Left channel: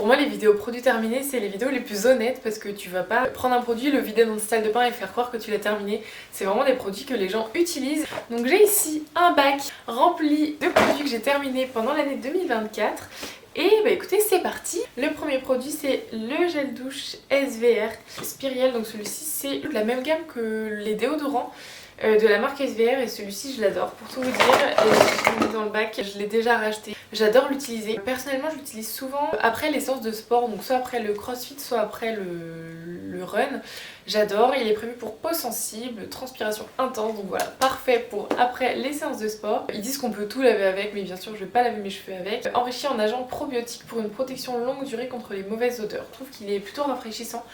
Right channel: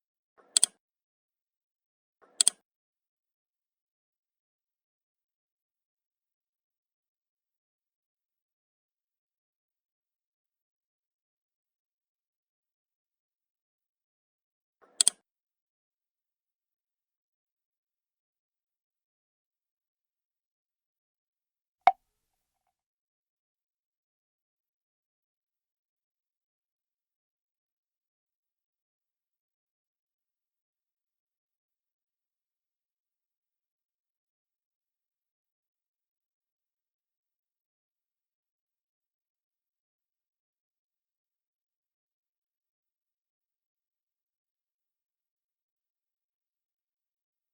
Pour moi les vidéos produits terminés c'est les vidéos les plus honnêtes parce que tu vas pas prendre un produit, le vider dans une salle de bain et faire croire que tu l'as terminé. C'est vraiment des produits que les gens utilisent. Donc j'ai ici un bac rempli de produits que j'ai terminés pendant l'année 2024. Et bah écoutez, c'est parti. Le premier produit c'est le gel douche SVR Spiriel. Donc celui-ci c'est la même gamme que les déodorants de la marque SVR et celui-ci je l'adore. Pour tout vous dire, je l'ai mis dans le bac, je l'ai déjà racheté. J'adore l'utiliser. Personnellement je l'utilise souvent après les séances de sport, donc soit après le crossfit, soit après le run. J'adore, il est prévu pour peau sensible, transpiration intense, donc voilà, parfait pour après les séances de sport. Ils disent qu'on peut tout laver avec, mais bien sûr je vais pas laver mes cheveux avec. Enrichi en agents probiotiques pour une protection longue durée contre les mauvaises odeurs. Je trouve qu'il est plutôt rafraîchissant.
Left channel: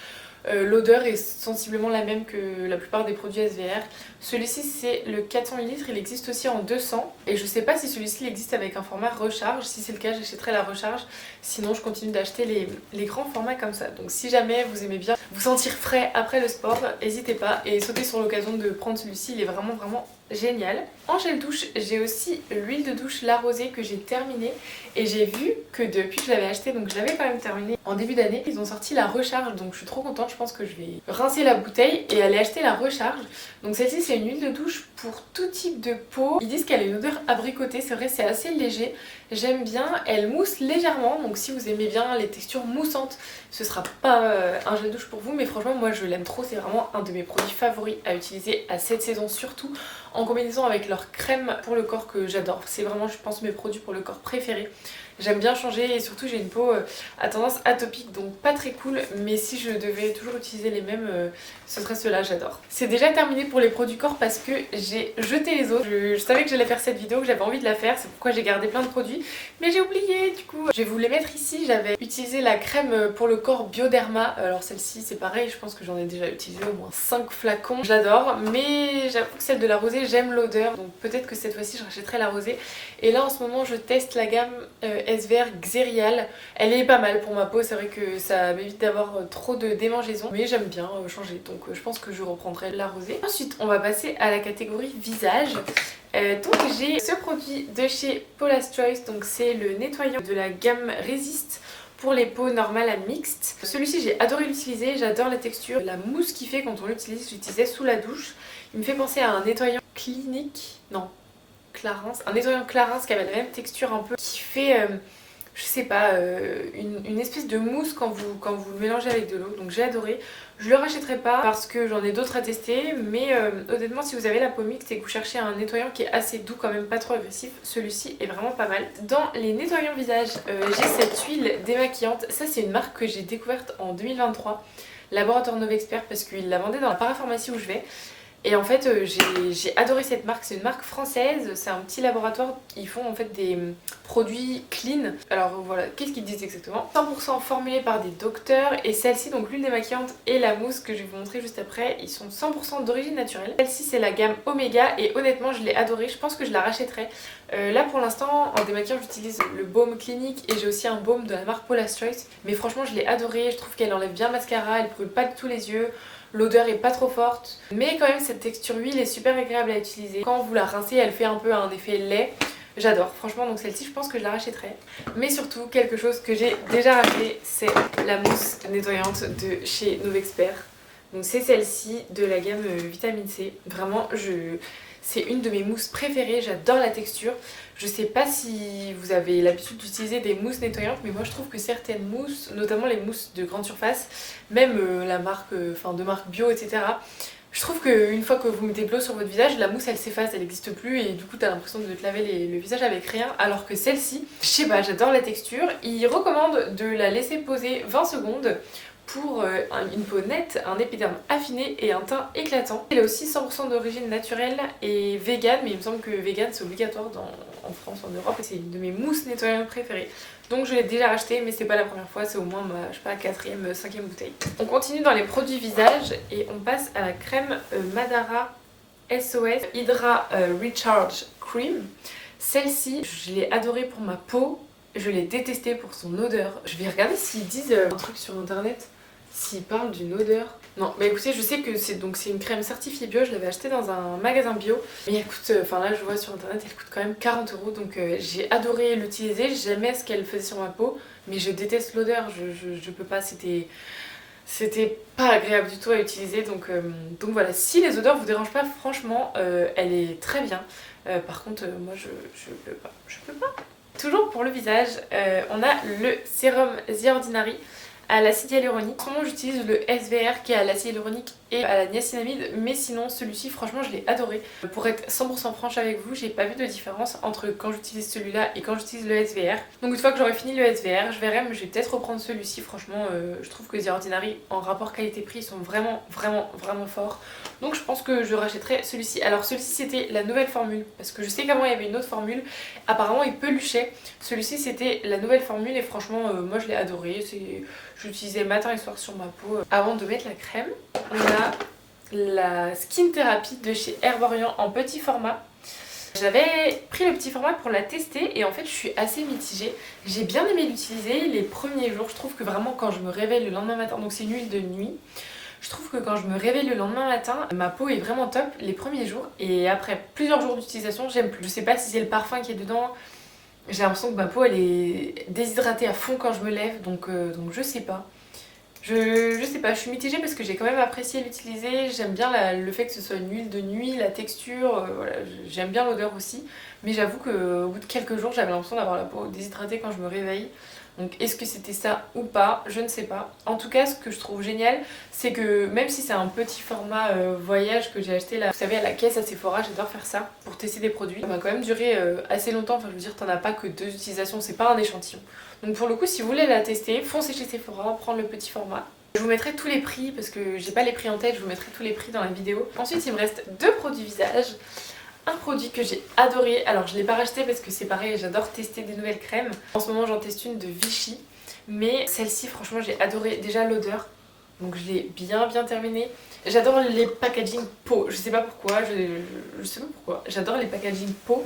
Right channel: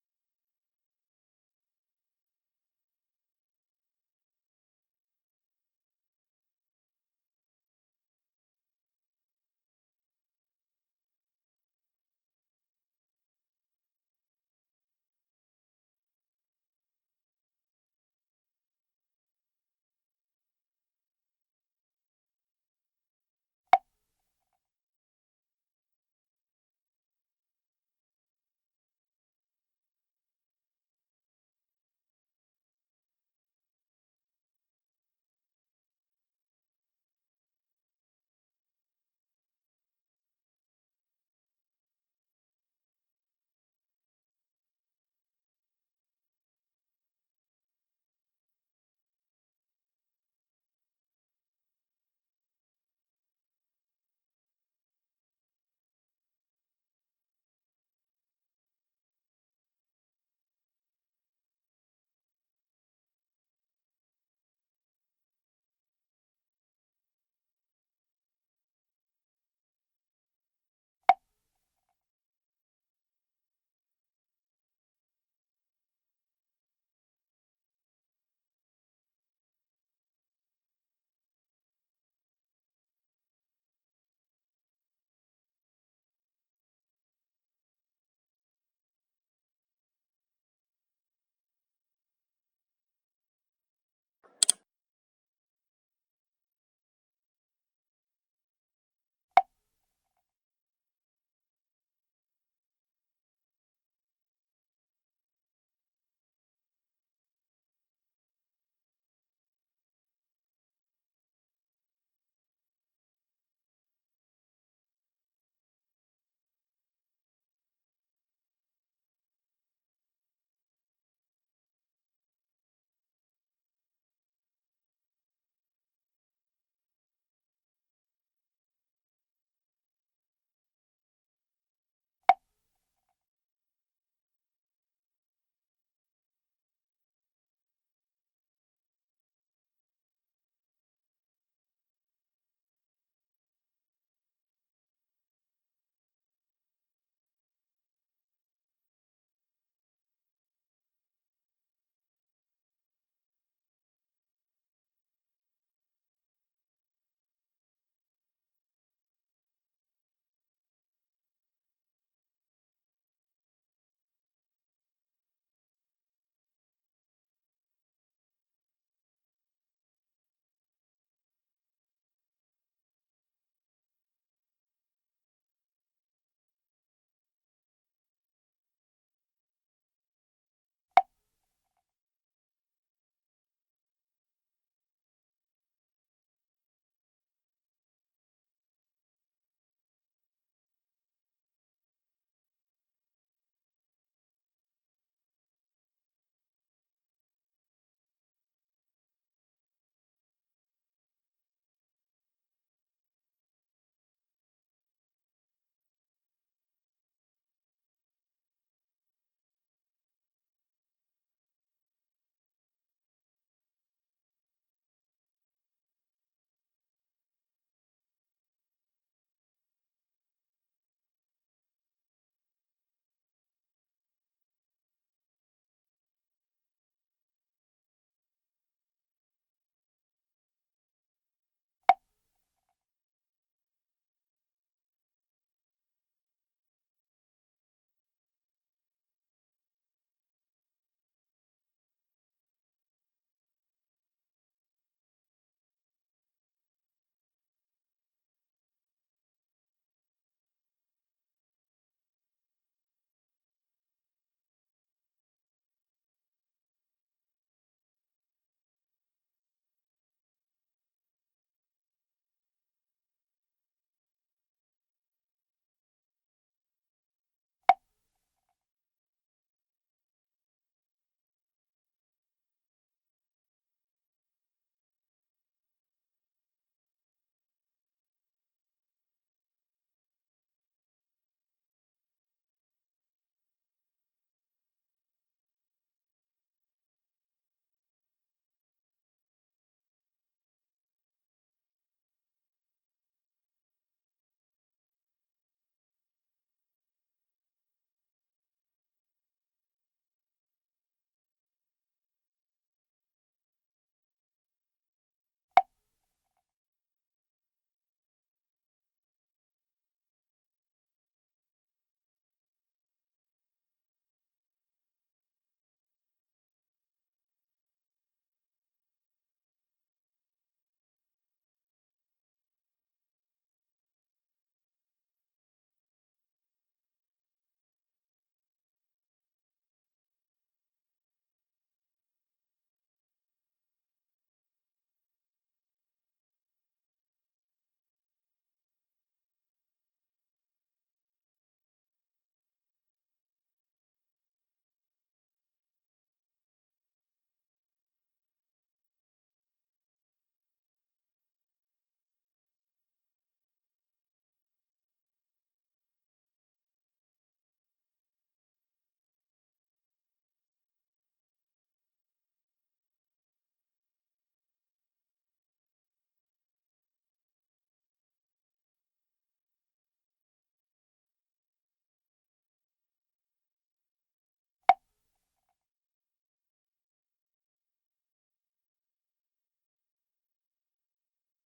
L'odeur est sensiblement la même que la plupart des produits SVR. Celui-ci c'est le 400 ml, il existe aussi en 200 et je sais pas si celui-ci il existe avec un format recharge. Si c'est le cas j'achèterai la recharge, sinon je continue d'acheter les grands formats comme ça. Donc si jamais vous aimez bien vous sentir frais après le sport, n'hésitez pas et sautez sur l'occasion de prendre celui-ci, il est vraiment génial. En gel douche, j'ai aussi l'huile de douche La Rosée que j'ai terminée et j'ai vu que depuis que je l'avais acheté, donc je l'avais quand même terminée en début d'année, ils ont sorti la recharge, donc je suis trop contente. Je pense que je vais rincer la bouteille et aller acheter la recharge. Donc celle-ci c'est une huile de douche pour tout type de peau. Ils disent qu'elle a une odeur abricotée, c'est vrai, c'est assez léger. J'aime bien, elle mousse légèrement, donc si vous aimez bien les textures moussantes, ce sera pas un gel douche pour vous, mais franchement moi je l'aime trop, c'est vraiment un de mes produits favoris à utiliser à cette saison, surtout en combinaison avec leur crème pour le corps que j'adore. C'est vraiment je pense mes produits pour le corps préférés. J'aime bien changer et surtout j'ai une peau à tendance atopique, donc pas très cool, mais si je devais toujours utiliser les mêmes, ce serait ceux-là, j'adore. C'est déjà terminé pour les produits corps parce que j'ai jeté les autres. Je savais que j'allais faire cette vidéo, que j'avais envie de la faire, c'est pourquoi j'ai gardé plein de produits, mais j'ai oublié du coup. Je vais vous les mettre ici. J'avais utilisé la crème pour le corps Bioderma, alors celle-ci c'est pareil, je pense que j'en ai déjà utilisé au moins 5 flacons. J'adore, mais j'avoue que celle de la rosée, j'aime l'odeur, donc peut-être que cette fois-ci je rachèterai la rosée. Et là en ce moment je teste la gamme SVR Xerial. Elle est pas mal pour ma peau, c'est vrai que ça m'évite d'avoir trop de démangeaisons, mais j'aime bien changer, donc je pense que je reprendrai la rosée. Ensuite on va passer à la catégorie visage. Donc j'ai ce produit de chez Paula's Choice, donc c'est le nettoyant de la gamme Resist pour les peaux normales à mixtes. Celui-ci j'ai adoré l'utiliser, j'adore la texture, la mousse qu'il fait quand on l'utilise, j'utilisais sous la douche. Il me fait penser à un nettoyant clinique, non, Clarins, un nettoyant Clarins qui avait la même texture un peu, qui fait, je sais pas, une espèce de mousse quand vous le mélangez avec de l'eau, donc j'ai adoré. Je le rachèterai pas parce que j'en ai d'autres à tester, mais honnêtement si vous avez la peau mixte et que vous cherchez un nettoyant qui est assez doux quand même, pas trop agressif, celui-ci est vraiment pas mal. Dans les nettoyants visage, j'ai cette huile démaquillante, ça c'est une marque que j'ai découverte en 2023, Laboratoire Novexpert, parce qu'ils la vendaient dans la parapharmacie où je vais. Et en fait j'ai adoré cette marque, c'est une marque française, c'est un petit laboratoire, ils font en fait des produits clean. Alors voilà, qu'est-ce qu'ils disent exactement? 100% formulés par des docteurs et celle-ci, donc l'huile démaquillante et la mousse que je vais vous montrer juste après, ils sont 100% d'origine naturelle. Celle-ci c'est la gamme Omega et honnêtement je l'ai adorée, je pense que je la rachèterai. Là pour l'instant en démaquillant j'utilise le baume clinique et j'ai aussi un baume de la marque Paula's Choice. Mais franchement je l'ai adorée, je trouve qu'elle enlève bien le mascara, elle brûle pas du tout les yeux. L'odeur est pas trop forte, mais quand même cette texture huile est super agréable à utiliser. Quand vous la rincez, elle fait un peu un effet lait. J'adore, franchement, donc celle-ci je pense que je la rachèterai. Mais surtout, quelque chose que j'ai déjà racheté, c'est la mousse nettoyante de chez Novexpert. Donc c'est celle-ci de la gamme Vitamine C. Vraiment, c'est une de mes mousses préférées, j'adore la texture. Je sais pas si vous avez l'habitude d'utiliser des mousses nettoyantes, mais moi je trouve que certaines mousses, notamment les mousses de grande surface, même la marque, de marque bio, etc. Je trouve qu'une fois que vous mettez de l'eau sur votre visage, la mousse elle s'efface, elle n'existe plus et du coup t'as l'impression de te laver le visage avec rien. Alors que celle-ci, je sais pas, j'adore la texture. Il recommande de la laisser poser 20 secondes pour une peau nette, un épiderme affiné et un teint éclatant. Elle est aussi 100% d'origine naturelle et vegan, mais il me semble que vegan c'est obligatoire en France, en Europe, et c'est une de mes mousses nettoyantes préférées. Donc je l'ai déjà racheté, mais c'est pas la première fois, c'est au moins ma, je sais pas, 4ème, 5ème bouteille. On continue dans les produits visage et on passe à la crème Madara SOS Hydra Recharge Cream. Celle-ci, je l'ai adorée pour ma peau, je l'ai détestée pour son odeur. Je vais regarder s'ils disent un truc sur internet, s'ils parlent d'une odeur. Non, mais écoutez, je sais que c'est une crème certifiée bio, je l'avais achetée dans un magasin bio. Mais elle coûte, là je vois sur internet, elle coûte quand même 40 €, donc j'ai adoré l'utiliser, j'aimais ce qu'elle faisait sur ma peau. mais je déteste l'odeur, je peux pas, c'était pas agréable du tout à utiliser, donc voilà, si les odeurs vous dérangent pas, franchement, elle est très bien. Par contre, moi je peux pas, je peux pas. Toujours pour le visage, on a le sérum The Ordinary à l'acide hyaluronique. En ce moment j'utilise le SVR qui est à l'acide hyaluronique et à la niacinamide, mais sinon celui-ci franchement je l'ai adoré. Pour être 100% franche avec vous, j'ai pas vu de différence entre quand j'utilise celui-là et quand j'utilise le SVR. Donc une fois que j'aurai fini le SVR, je verrai, mais je vais peut-être reprendre celui-ci. Franchement je trouve que The Ordinary en rapport qualité-prix ils sont vraiment forts. Donc je pense que je rachèterai celui-ci. Alors celui-ci c'était la nouvelle formule, parce que je sais qu'avant il y avait une autre formule, apparemment il peluchait. Celui-ci c'était la nouvelle formule et franchement moi je l'ai adoré. J'utilisais matin et soir sur ma peau. Avant de mettre la crème, on a la Skin Therapy de chez Herborian en petit format. J'avais pris le petit format pour la tester et en fait je suis assez mitigée. J'ai bien aimé l'utiliser les premiers jours. Je trouve que vraiment quand je me réveille le lendemain matin, donc c'est une huile de nuit, je trouve que quand je me réveille le lendemain matin, ma peau est vraiment top les premiers jours et après plusieurs jours d'utilisation, j'aime plus. Je sais pas si c'est le parfum qui est dedans. J'ai l'impression que ma peau elle est déshydratée à fond quand je me lève, donc je sais pas. Je sais pas, je suis mitigée parce que j'ai quand même apprécié l'utiliser. J'aime bien le fait que ce soit une huile de nuit, la texture, voilà, j'aime bien l'odeur aussi. Mais j'avoue qu'au bout de quelques jours, j'avais l'impression d'avoir la peau déshydratée quand je me réveille. Donc est-ce que c'était ça ou pas? Je ne sais pas. En tout cas, ce que je trouve génial, c'est que même si c'est un petit format voyage que j'ai acheté là, vous savez, à la caisse à Sephora, j'adore faire ça pour tester des produits. Ça m'a quand même duré assez longtemps, enfin je veux dire, t'en as pas que 2 utilisations, c'est pas un échantillon. Donc pour le coup, si vous voulez la tester, foncez chez Sephora, prendre le petit format. Je vous mettrai tous les prix parce que j'ai pas les prix en tête, je vous mettrai tous les prix dans la vidéo. Ensuite, il me reste 2 produits visage. Un produit que j'ai adoré, alors je l'ai pas racheté parce que c'est pareil, j'adore tester des nouvelles crèmes. En ce moment j'en teste une de Vichy, mais celle-ci franchement j'ai adoré déjà l'odeur, donc je l'ai bien terminée. J'adore les packaging peau, je sais pas pourquoi, je sais pas pourquoi, j'adore les packaging peau.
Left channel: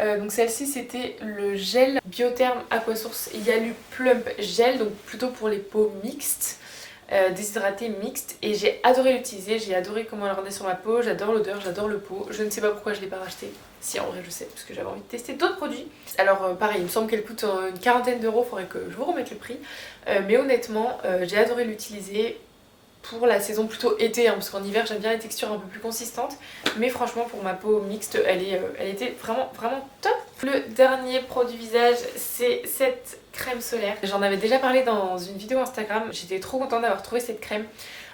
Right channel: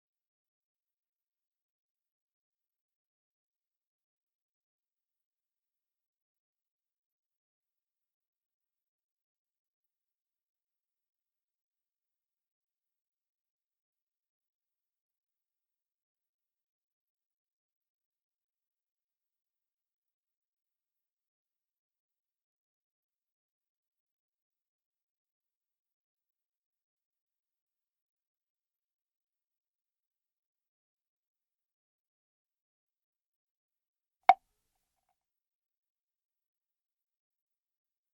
Donc celle-ci c'était le gel Biotherm Aquasource Yalu Plump Gel, donc plutôt pour les peaux mixtes. Déshydratée mixte et j'ai adoré l'utiliser, j'ai adoré comment elle rendait sur ma peau, j'adore l'odeur, j'adore le pot, je ne sais pas pourquoi je l'ai pas racheté. Si en vrai je sais, parce que j'avais envie de tester d'autres produits. Alors pareil, il me semble qu'elle coûte une quarantaine d'euros, faudrait que je vous remette le prix. Mais honnêtement, j'ai adoré l'utiliser pour la saison plutôt été, hein, parce qu'en hiver j'aime bien les textures un peu plus consistantes. Mais franchement pour ma peau mixte, elle était vraiment top. Le dernier produit visage, c'est cette crème solaire. J'en avais déjà parlé dans une vidéo Instagram, j'étais trop contente d'avoir trouvé cette crème.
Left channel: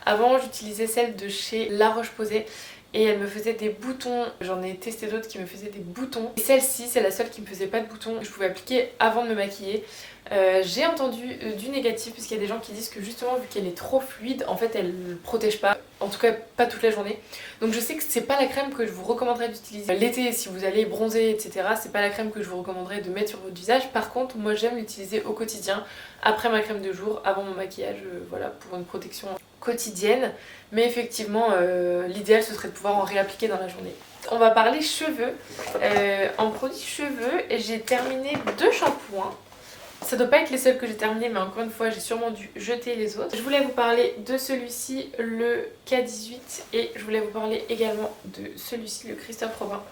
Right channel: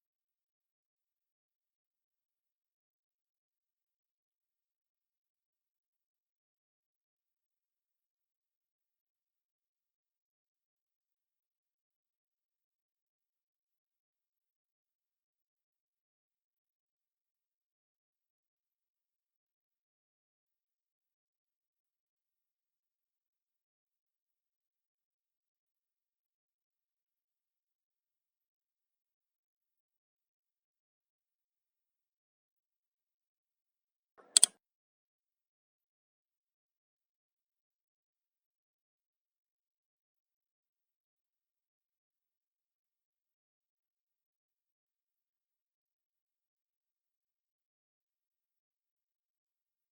Avant j'utilisais celle de chez La Roche-Posay et elle me faisait des boutons. J'en ai testé d'autres qui me faisaient des boutons. Et celle-ci c'est la seule qui me faisait pas de boutons. Je pouvais appliquer avant de me maquiller. J'ai entendu du négatif puisqu'il y a des gens qui disent que justement vu qu'elle est trop fluide, en fait elle ne protège pas, en tout cas pas toute la journée. Donc je sais que c'est pas la crème que je vous recommanderais d'utiliser l'été si vous allez bronzer etc. C'est pas la crème que je vous recommanderais de mettre sur votre visage. Par contre moi j'aime l'utiliser au quotidien après ma crème de jour, avant mon maquillage, voilà, pour une protection quotidienne. Mais effectivement l'idéal ce serait de pouvoir en réappliquer dans la journée. On va parler cheveux. En produit cheveux, j'ai terminé 2 shampoings. Ça doit pas être les seuls que j'ai terminés, mais encore une fois j'ai sûrement dû jeter les autres. Je voulais vous parler de celui-ci, le K18, et je voulais vous parler également de celui-ci, le Christophe Robin.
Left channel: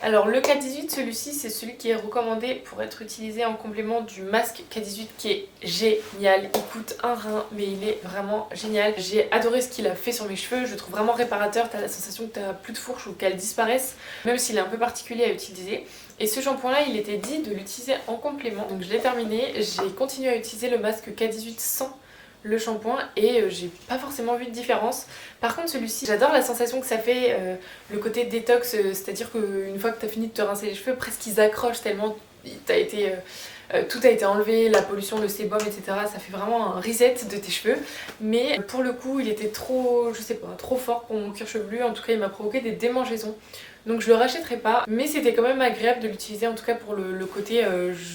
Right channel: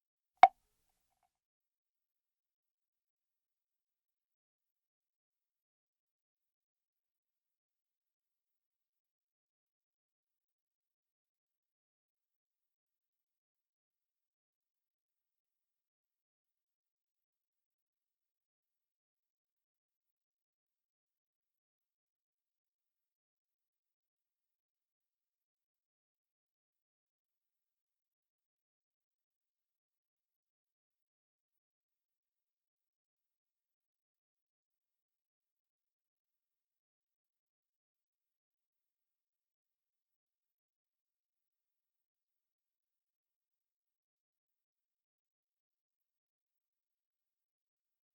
Alors le K18, celui-ci c'est celui qui est recommandé pour être utilisé en complément du masque K18 qui est génial. Il coûte un rein mais il est vraiment génial. J'ai adoré ce qu'il a fait sur mes cheveux, je le trouve vraiment réparateur. T'as la sensation que t'as plus de fourche ou qu'elle disparaisse, même s'il est un peu particulier à utiliser. Et ce shampoing là il était dit de l'utiliser en complément, donc je l'ai terminé. J'ai continué à utiliser le masque K18 sans le shampoing et j'ai pas forcément vu de différence. Par contre celui-ci, j'adore la sensation que ça fait, le côté détox, c'est-à-dire qu'une fois que tu as fini de te rincer les cheveux, presque ils accrochent tellement tout a été enlevé, la pollution, le sébum, etc. Ça fait vraiment un reset de tes cheveux. Mais pour le coup, il était trop, je sais pas, trop fort pour mon cuir chevelu. En tout cas, il m'a provoqué des démangeaisons. Donc je le rachèterai pas, mais c'était quand même agréable de l'utiliser, en tout cas pour le côté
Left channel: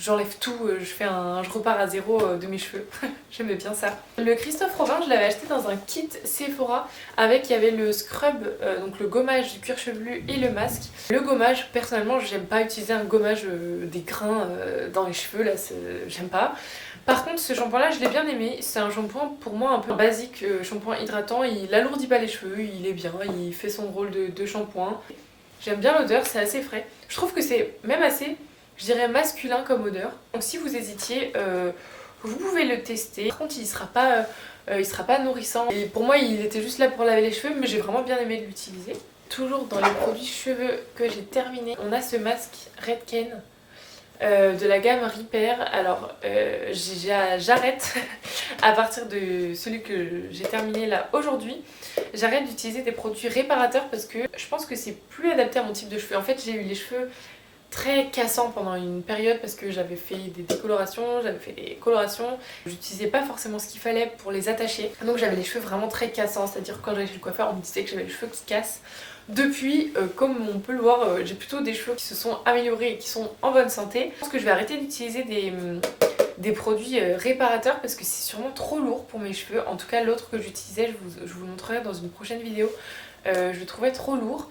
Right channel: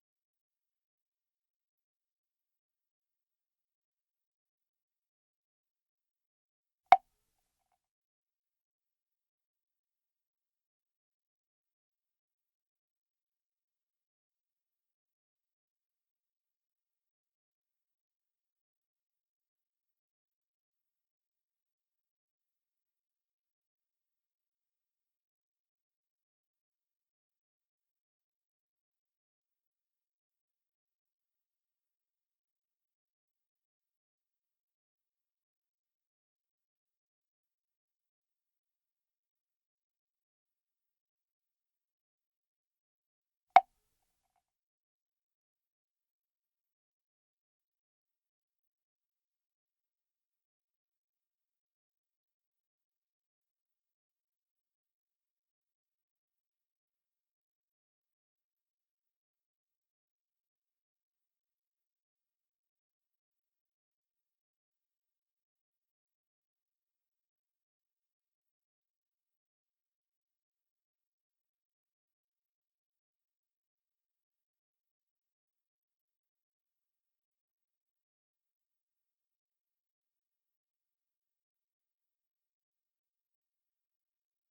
j'enlève tout, je repars à zéro de mes cheveux. J'aimais bien ça. Le Christophe Robin, je l'avais acheté dans un kit Sephora avec, il y avait le scrub, donc le gommage du cuir chevelu et le masque. Le gommage, personnellement j'aime pas utiliser un gommage des grains dans les cheveux, là j'aime pas. Par contre ce shampoing là je l'ai bien aimé, c'est un shampoing pour moi un peu basique, shampoing hydratant, il alourdit pas les cheveux, il est bien, il fait son rôle de shampoing. J'aime bien l'odeur, c'est assez frais. Je trouve que c'est même assez, je dirais, masculin comme odeur. Donc si vous hésitiez, vous pouvez le tester. Par contre il sera pas nourrissant et pour moi il était juste là pour laver les cheveux, mais j'ai vraiment bien aimé l'utiliser. Toujours dans les produits cheveux que j'ai terminé, on a ce masque Redken de la gamme Repair. Alors j'arrête à partir de celui que j'ai terminé là aujourd'hui. J'arrête d'utiliser des produits réparateurs parce que je pense que c'est plus adapté à mon type de cheveux. En fait j'ai eu les cheveux très cassants pendant une période parce que j'avais fait des décolorations, j'avais fait des colorations. J'utilisais pas forcément ce qu'il fallait pour les attacher. Donc j'avais les cheveux vraiment très cassants, c'est-à-dire quand j'allais chez le coiffeur on me disait que j'avais les cheveux qui cassent. Depuis, comme on peut le voir, j'ai plutôt des cheveux qui se sont améliorés et qui sont en bonne santé. Je pense que je vais arrêter d'utiliser des produits réparateurs parce que c'est sûrement trop lourd pour mes cheveux. En tout cas l'autre que j'utilisais, je vous le montrerai dans une prochaine vidéo, je le trouvais trop lourd.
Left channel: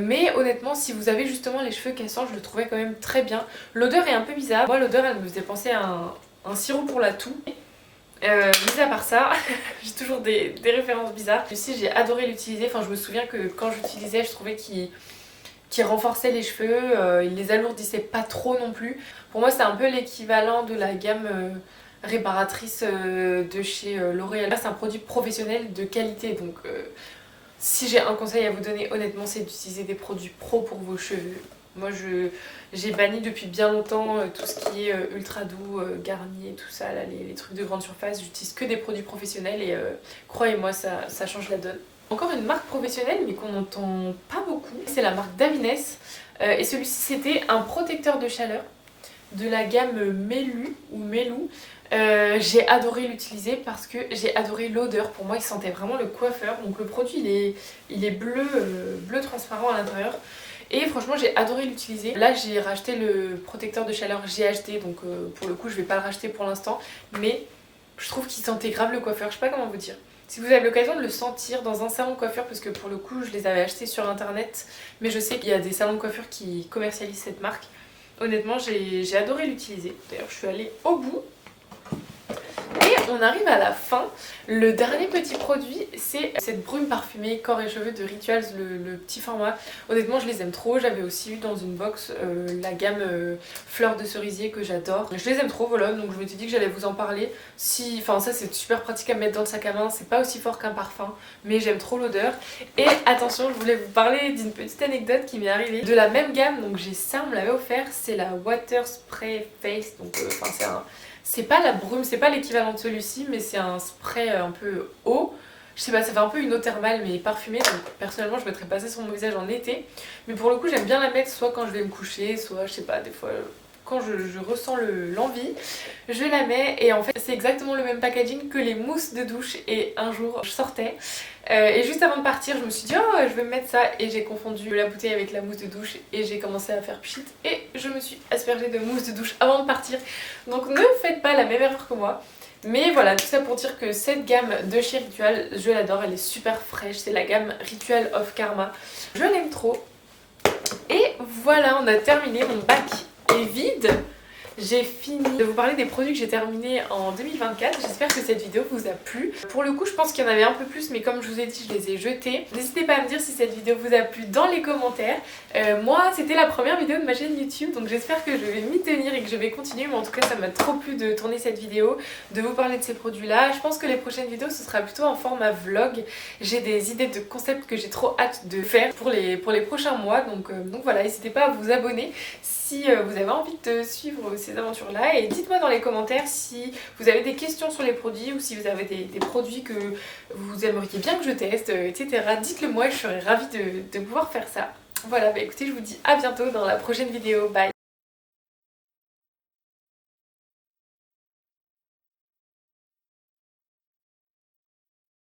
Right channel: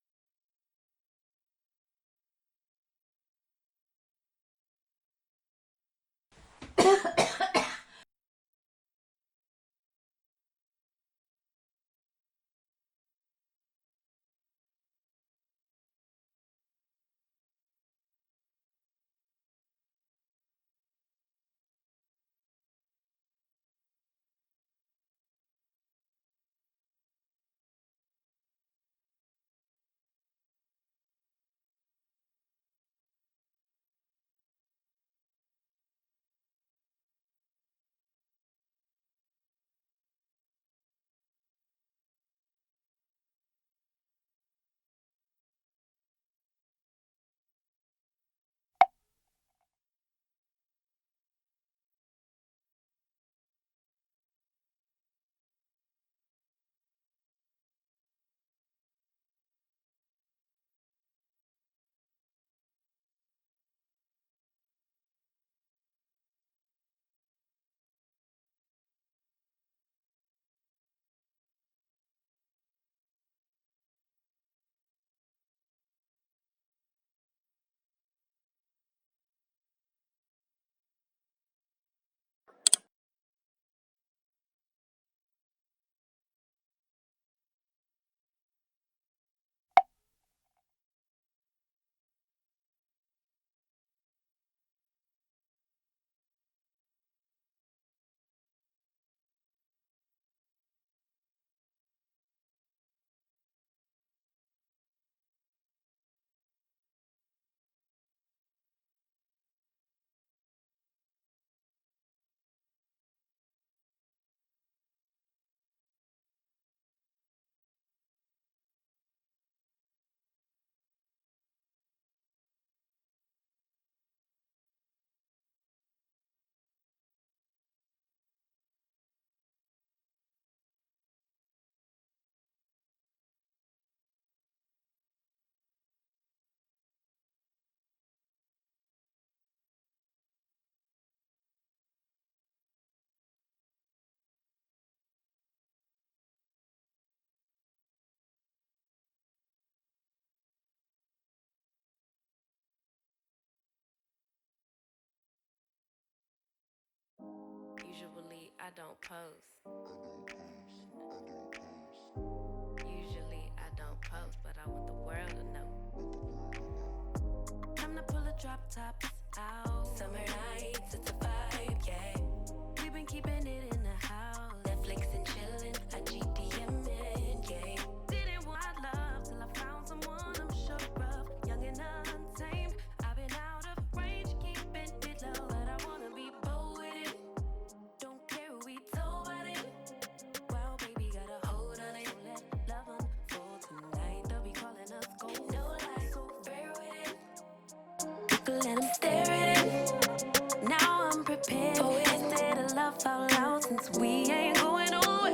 Mais honnêtement si vous avez justement les cheveux cassants, je le trouvais quand même très bien. L'odeur est un peu bizarre, moi l'odeur elle me faisait penser à un sirop pour la toux. Mis à part ça, j'ai toujours des références bizarres. Ici j'ai adoré l'utiliser, enfin je me souviens que quand j'utilisais je trouvais qu'il renforçait les cheveux, il les alourdissait pas trop non plus. Pour moi c'est un peu l'équivalent de la gamme réparatrice de chez L'Oréal. Là c'est un produit professionnel de qualité, donc si j'ai un conseil à vous donner honnêtement c'est d'utiliser des produits pro pour vos cheveux. Moi j'ai banni depuis bien longtemps tout ce qui est ultra doux, Garnier, tout ça, là, les trucs de grande surface. J'utilise que des produits professionnels et croyez-moi ça change la donne. Encore une marque professionnelle mais qu'on n'entend pas beaucoup, c'est la marque Davines et celui-ci c'était un protecteur de chaleur de la gamme Melu ou Melou. J'ai adoré l'utiliser parce que j'ai adoré l'odeur. Pour moi il sentait vraiment le coiffeur. Donc le produit il est bleu, bleu transparent à l'intérieur. Et franchement j'ai adoré l'utiliser. Là j'ai racheté le protecteur de chaleur GHD, donc pour le coup je vais pas le racheter pour l'instant. Mais je trouve qu'il sentait grave le coiffeur, je sais pas comment vous dire. Si vous avez l'occasion de le sentir dans un salon de coiffure, parce que pour le coup je les avais achetés sur internet, mais je sais qu'il y a des salons de coiffure qui commercialisent cette marque. Honnêtement j'ai adoré l'utiliser. D'ailleurs je suis allée au bout. Et on arrive à la fin. Le dernier petit produit c'est cette brume parfumée corps et cheveux de Rituals, le petit format. Honnêtement je les aime trop. J'avais aussi eu dans une box la gamme fleurs de cerisier que j'adore. Je les aime trop, voilà, donc je me suis dit que j'allais vous en parler. Enfin ça c'est super pratique à mettre dans le sac à main, c'est pas aussi fort qu'un parfum mais j'aime trop l'odeur. Et attention, je voulais vous parler d'une petite anecdote qui m'est arrivée de la même gamme, donc j'ai ça, on me l'avait offert, c'est la Water Spray Face, donc c'est pas la brume, c'est pas l'équivalent de celui-ci, mais c'est un spray un peu eau. Je sais pas, ça fait un peu une eau thermale mais parfumée, donc personnellement je mettrais pas ça sur mon visage en été. Mais pour le coup j'aime bien la mettre soit quand je vais me coucher, soit je sais pas, des fois quand je ressens l'envie, je la mets. Et en fait c'est exactement le même packaging que les mousses de douche. Et un jour je sortais et juste avant de partir je me suis dit oh je vais me mettre ça, et j'ai confondu la bouteille avec la mousse de douche et j'ai commencé à faire pchit et je me suis aspergée de mousse de douche avant de partir. Donc ne faites pas la même erreur que moi. Mais voilà, tout ça pour dire que cette gamme de chez Ritual, je l'adore, elle est super fraîche, c'est la gamme Ritual of Karma. Je l'aime trop. Et voilà, on a terminé, mon bac est vide. J'ai fini de vous parler des produits que j'ai terminés en 2024. J'espère que cette vidéo vous a plu. Pour le coup, je pense qu'il y en avait un peu plus, mais comme je vous ai dit, je les ai jetés. N'hésitez pas à me dire si cette vidéo vous a plu dans les commentaires. Moi, c'était la première vidéo de ma chaîne YouTube, donc j'espère que je vais m'y tenir et que je vais continuer. Mais en tout cas, ça m'a trop plu de tourner cette vidéo, de vous parler de ces produits-là. Je pense que les prochaines vidéos, ce sera plutôt en format vlog. J'ai des idées de concepts que j'ai trop hâte de faire pour les prochains mois. Donc voilà, n'hésitez pas à vous abonner si vous avez envie de suivre ces aventures-là. Et dites-moi dans les commentaires si vous avez des questions sur les produits ou si vous avez des produits que vous aimeriez bien que je teste, etc. Dites-le moi et je serais ravie de pouvoir faire ça. Voilà, bah écoutez, je vous dis à bientôt dans la prochaine vidéo. Bye! We